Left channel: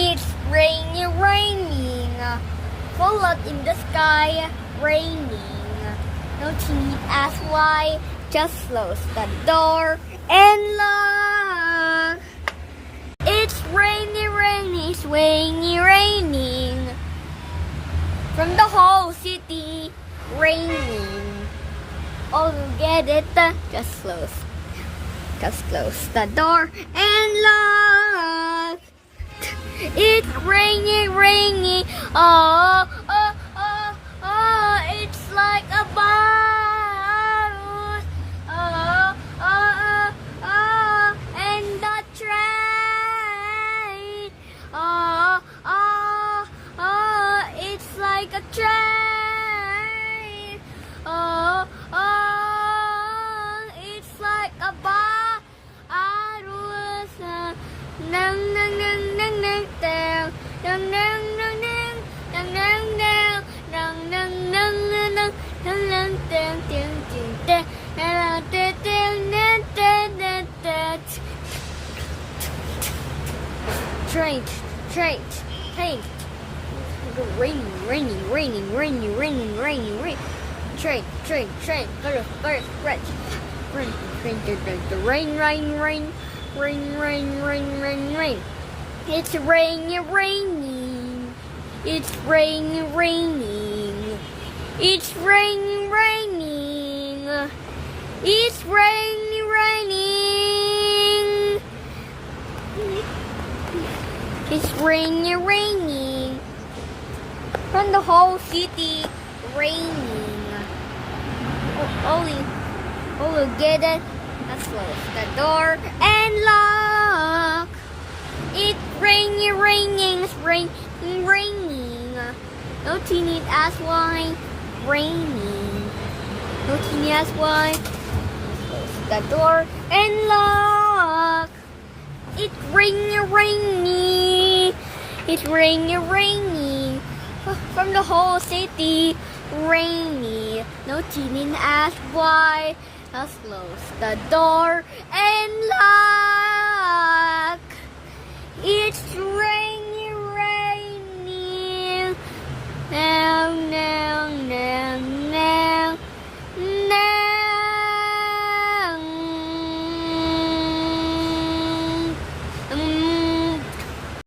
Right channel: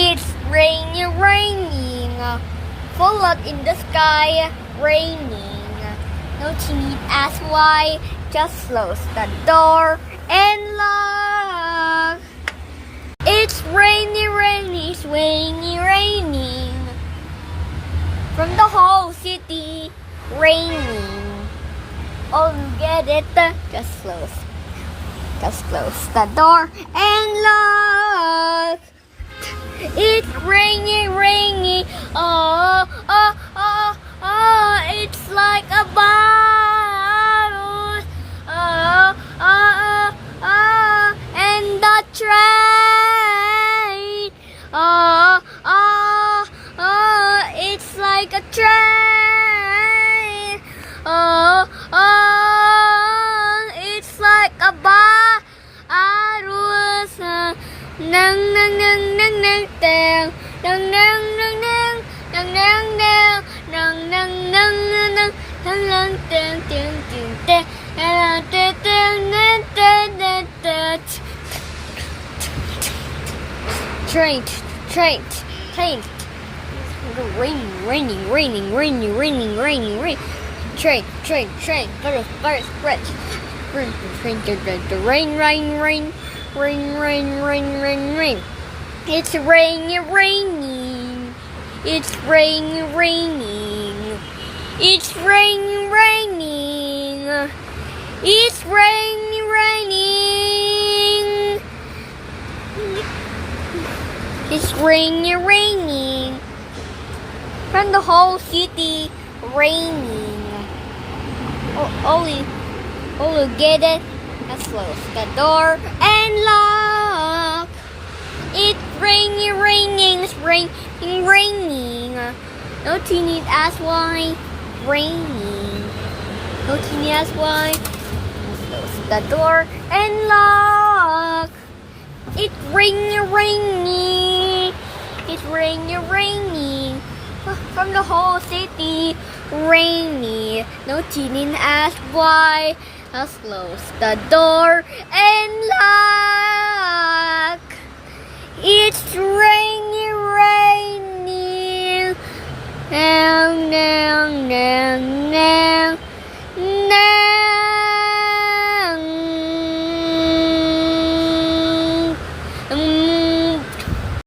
It's raining, raining. Fallout in the sky, raining. No need ask why, just close the door and lock. It's raining, raining, it's raining, raining. From the whole city, raining. Oh, you get it? Just close the door and lock. It's raining, raining. Oh, oh, oh, oh, it's like a bottle. Oh, oh, oh, oh, and the train. Oh, oh, oh, it's like a train. Oh, oh, it's like a bottle. Nang nang nang nang nang nang nang nang nang nang nang nang nang nang nang nang nang dang dang dang dang dang dang dang dang. Train, train, train. Raining, raining, raining, raining, raining, raining, rain. Train, train, train. Bird, bird, rain, rain, rain, rain. Rain, rain, rain, rain, rain. It's raining, raining. It's raining, raining. It's raining, raining. It's raining, raining. It's raining, raining. From the whole city, raining. Oh, you get it? Let's close the door and lock. It's raining, raining, it's raining, raining. No need ask why, raining. No need ask why. Let's close the door and lock. It's raining, raining. It's raining, raining. From the whole city, rainy. No need ask why. Let's close the door and lock. It's raining, raining. Now, now, now, now.